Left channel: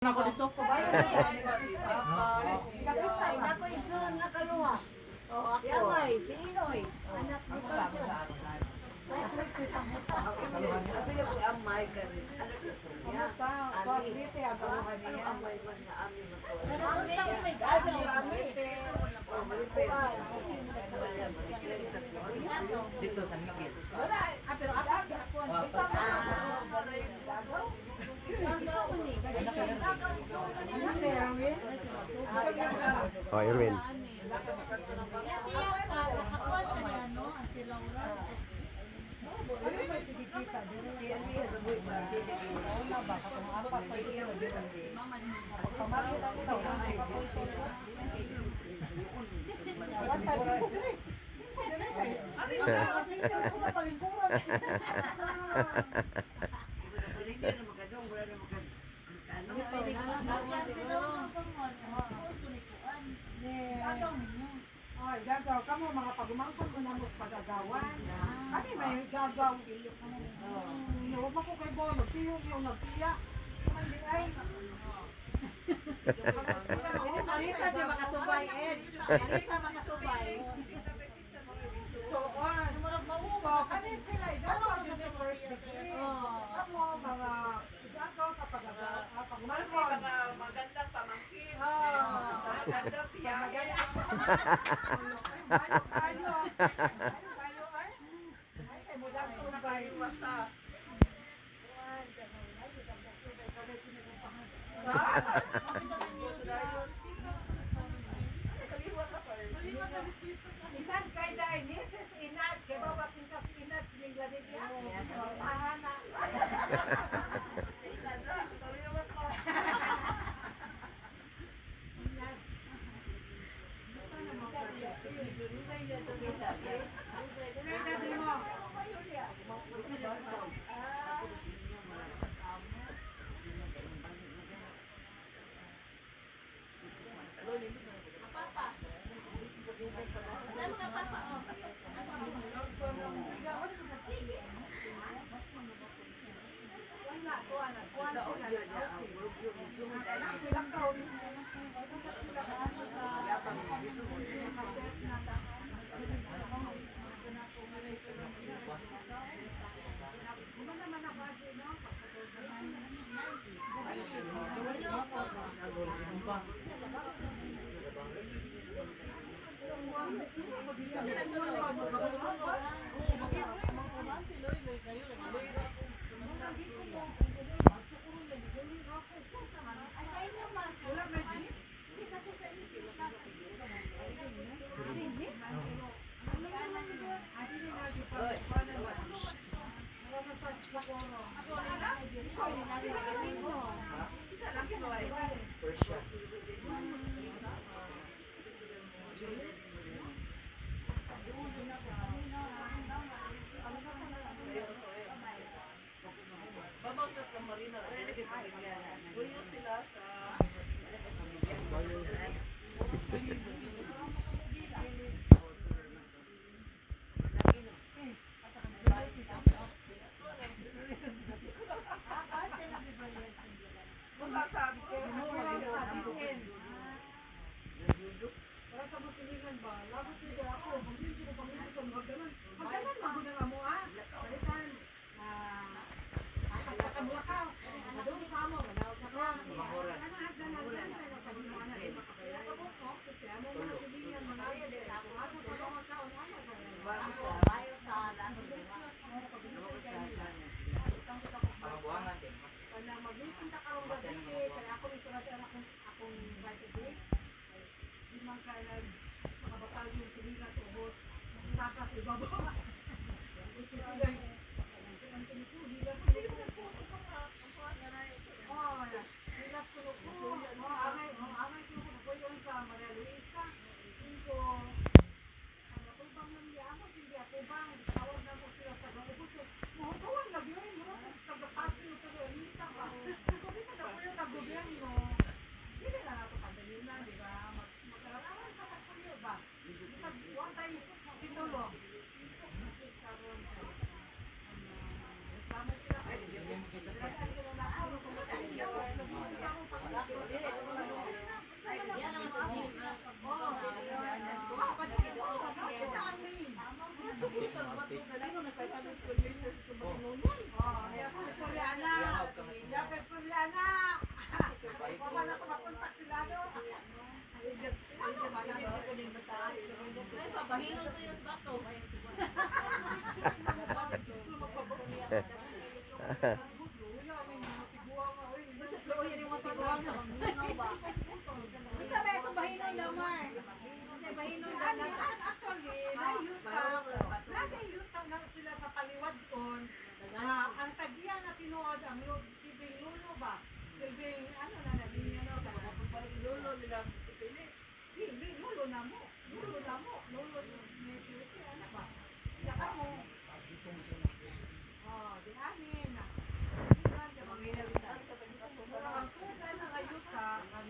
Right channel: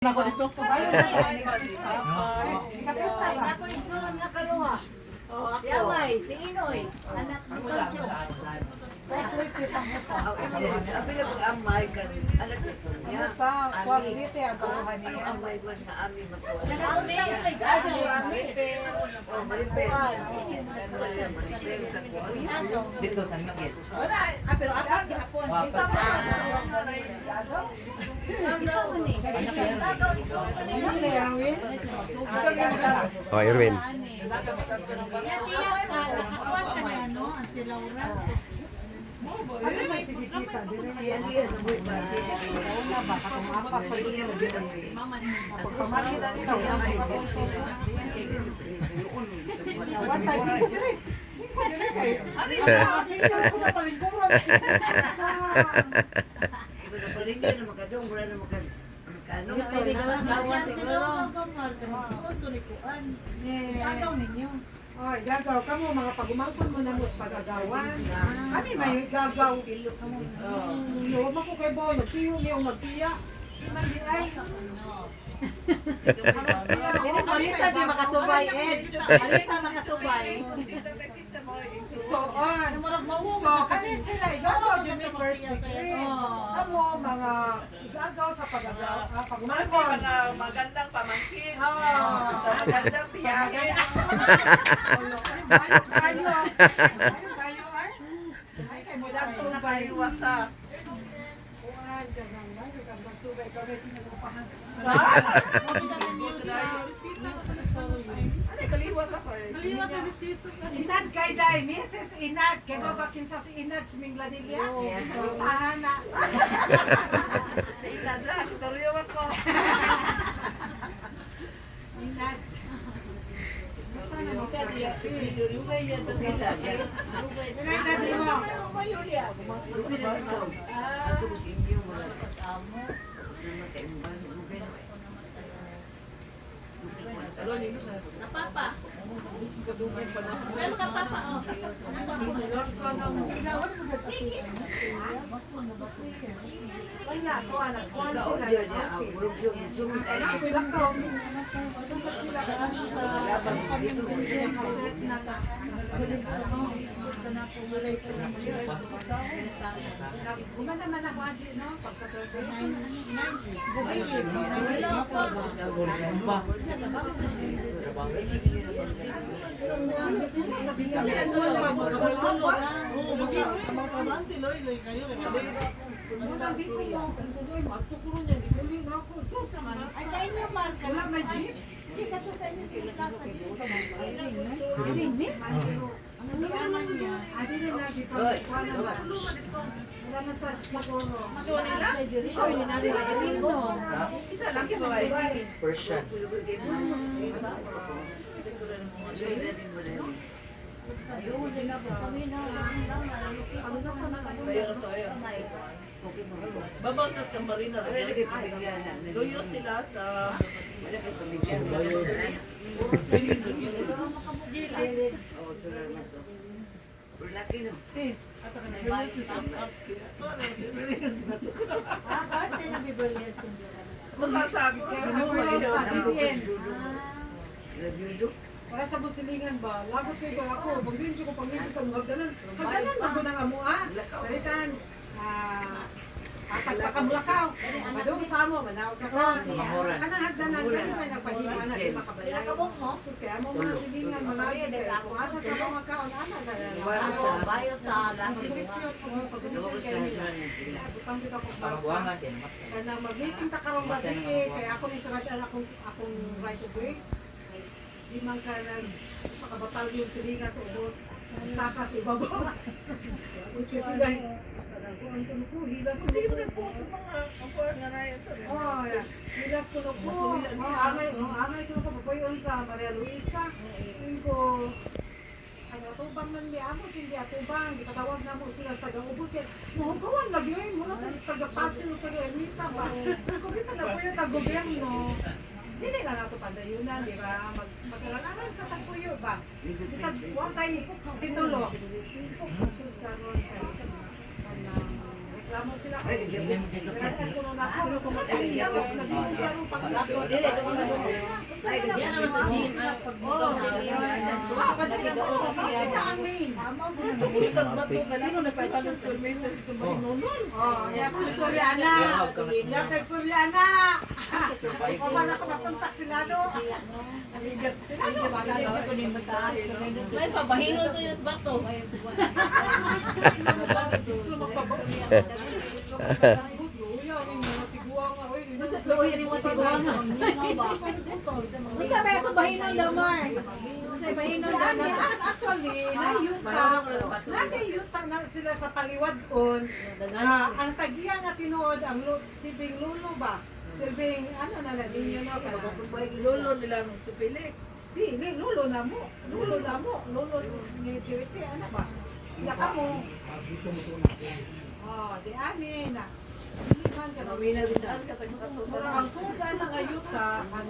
Ako dito. Subayo na yan. Ikapista ba? Ako isunod na kaluwa. Oo, ako. Yamay, si Inoy. Anak ni Toncho. Fresh with pisang musa. Sabi na kung amay ka rin. Alam ko sa Ang niya. musa, tuwas dito ang kaluhan Ano niya. amay man na amin matuwa? Nag-ausap kay Gajo. Oh, malipel. Malipel sa kuwan. Dito sa Miguel. Wala, pero atas gihapon. Isa pa. Ano na yan, Win? Oh, Irwin. Tiyak ka, nakakuha ka ni ano, Auntie Laura. Ano may sigikita? Si Alia sa buhay pa. Si Oo nga ba? Katong ampas pa yun. Pagpamarkita nito. One time, dito dire. Dito dire kay. Ano isa? Senior ko na palingkuran. Palingan na makadong. Wala na makadong. Pwede ka lang gawa siguro. Suot to ni Kuan. Agaw ninyo. Oh, gagaw ka mo, mga pagumangkon mo na mo sa pagagawan. Kami may gagaw. Huwag mo ko kay Bo, magtiyong yung magtiya. Iman din ay. Dinis Malisa di makasubay, Ed. Malisa makasubay. So on. So kasi sila igagaw dyan may first degree. Amo mga igagaw sa pagagaw, pagumangkon. Mga magandang pamangkin. Ah. Sa magandang biyahe. Kayo ay. Ay kay mo lang subay. WhatsApp. Kuan ganang subay kami tinupahan. Ano, kaliwat ako eh. Inad kay day, Mrs. Inad, kay mo bakin sa si Inad sa Mingladilya. Tahan na. Sa inadra, tutoriwan ko. Inad. Basta na mo ka diya. Durugay yan ito nila. Inad di mo. Durugay na ito. Ito ko sa inyo. Wala. Namatayumban. Durugay na. Napapa. Ay, makapapa, oh. Wala ko anak. Kuan Laon sila. dyan niya. Ang bulog sumit ay Anak sila ko. Tusok sila sa ano sa dito. kaset na sa Guma naman ako Aji, no? Pag sa Ay, sa inyo, Mark. Wala may jeep. Hindi ka to sa inyo sila kasa dito ka Rini? Ano naman niya? Adi na lagi pa. Wala na sa Sakono. Sure, hindi na rin Rino. Isa lang si babae. Persian. Ayun, din ako kami na. Tayo na tayo. Babaw sa Marina. Luyo sila sa... Ate na bibolyan Magkasabi ko. Para sa busilingan ba? Lagot kayo ako. Pag-din ko pang-ibig sa mga ganon. Hagdanan ba ko ng amua? Dalitan. Pagkakamulakaw. Madung sa amo. Manawag na ka. Anang hagdanan. Ganun na nagpahiwa na. Di makabalay. Sus kaya mo mga silingan. Mga agad. Kung asa sa mga kaon. Ana. Bayo sa Ang solusyon. Pag-solusyon kayo. Butang kita ko. Pangbuangan din. Kana mag-meeting ta karong gabi kaya ako ni sarad akong right of way. Di man ka nag sa kabatalyon silingan sa ubos. Saka sa ibabaw. Okay, sige. Ang ko hilas ko. Sige, nag-post ng mga kapag nga na ito. Oh, hilas ko no po. Angay ko ko papayon sa Maria Luisa. Ko ang atubang man niya ako, hindi atubang, gipatawag na mo sila sa taga-ubos kaya muhugawan lagi yun, mula sa taga-pasin o taga-emita ba? Kung bisa na po yung taga-gobyerno, hindi na nato padayunan, di ba? Mag-alanan sa tagpuyo ba? Bisa, huwag tayo titulo. Sus, karon, Reklamo sila. Ay, hindi mo Kailangan ko na ako. Ano kung matindi ako. Sabihin ko ako pag Ako, dili, ito ko na doon. Yan naman sa gym. Oo, dapat nagagawa ko siya. Ito ang main. Kanino nagpatanong school mate na si Kumahinunon? Oh, yan kay Soriana. Yan kay Soriana. O ba na papunta sila do? Aligat sila do. May papahino to yung bato. Unsa ba ito bahinon daw, Mar? Unsa bahinon daw na? Actually, nayuta. Nagayuta na sila sa paliwadon. Ang tagiya nga tinuod, ang sibing lulo ba? Silbing, ano na na, ninyo no? Kasubay lolo nilang si Felix. Di, lulo na mo. Lulo na mo. Lulo ni Kiriti, ano ba? Yaka mo. Oh, di amin na. Hindi man ka na. Mamina din saan ka Pero ang suga ng ayuta, ang